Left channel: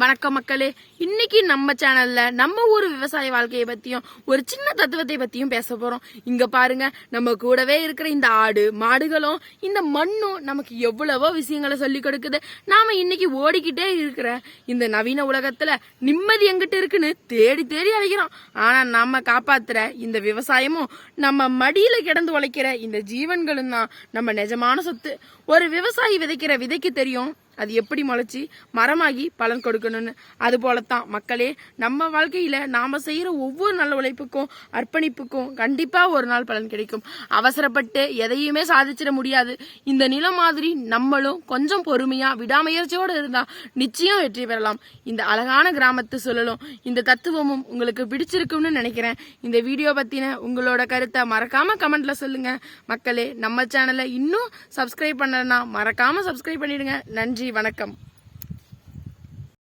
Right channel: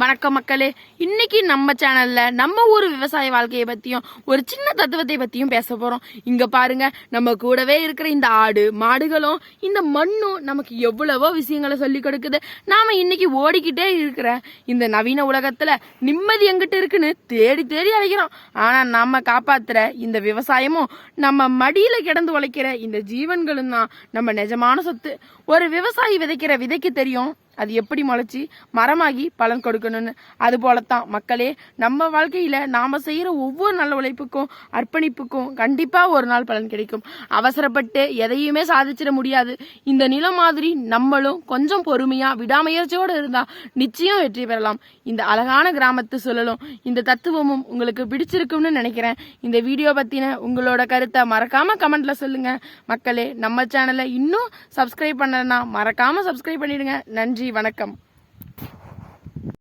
வணக்கம் மக்களே. இன்னைக்கு நம்ம சேனல்ல நம்ம ஊர் விவசாய வாழ்க்கையை பத்தியும் ஒரு சின்ன தத்துவத்தை பத்தியும் பேச போறோம். இங்க பாருங்க, நம்ம கூடவே இருக்கிற இந்த ஆடு மாடுகளும் இந்த மண்ணும் நமக்கு எவ்வளவோ விஷயங்களை சொல்லி கொடுக்குது. நாம இன்னைக்கு ஓடிக்கிட்டே இருக்கிற இந்த நவீன உலகத்துல நிம்மதி எங்கிட்ட இருக்குன்னு தேடி தேடி அழைக்கிறோம். ஆனா நம்ம காப்பாத்துற இந்த விவசாயமும் நம்ம மடியில கிடந்து உழைக்கிற இந்த ஜீவன்களும் தான் நம்ம நிஜமான சொத்து. ஒரு விவசாயி விதைக்கிற விதைக்கு தெரியும் அது எப்படி முளைச்சி மரமாகி பலன் கொடுக்கணும்னு. அது போலத்தான் மக்களே, நம்ம வாழ்க்கையில நாம செய்யற ஒவ்வொரு நல்ல உழைப்புக்கும் அர்ப்பணிப்புக்கும் கண்டிப்பா ஒரு நாள் பலன் கிடைக்கும். அவசரப்பட்டு எதையுமே சாதிச்சிட முடியாது. இந்த நிலம் மாதிரி நம்மளும் கொஞ்சம் பொறுமையா விடாமுயற்சியோடு இருந்தா நிச்சயம் வெற்றி பெறலாம். இந்த அழகான கிராமத்து சூழலும் இந்த தத்துவமும் உங்களுக்கு பிடிச்சிருக்கும்னு நினைக்கிறேன். இந்த வீடியோ பத்தின உங்களோட கருத்தை மறக்காம கமெண்ட்ல சொல்லுங்க. மக்களே, நம்ம சேனலை இன்னும் சப்ஸ்கிரைப் பண்ணலன்னா மறக்காம சப்ஸ்கிரைப் பண்ணிடுங்க. நன்றி, வணக்கம்.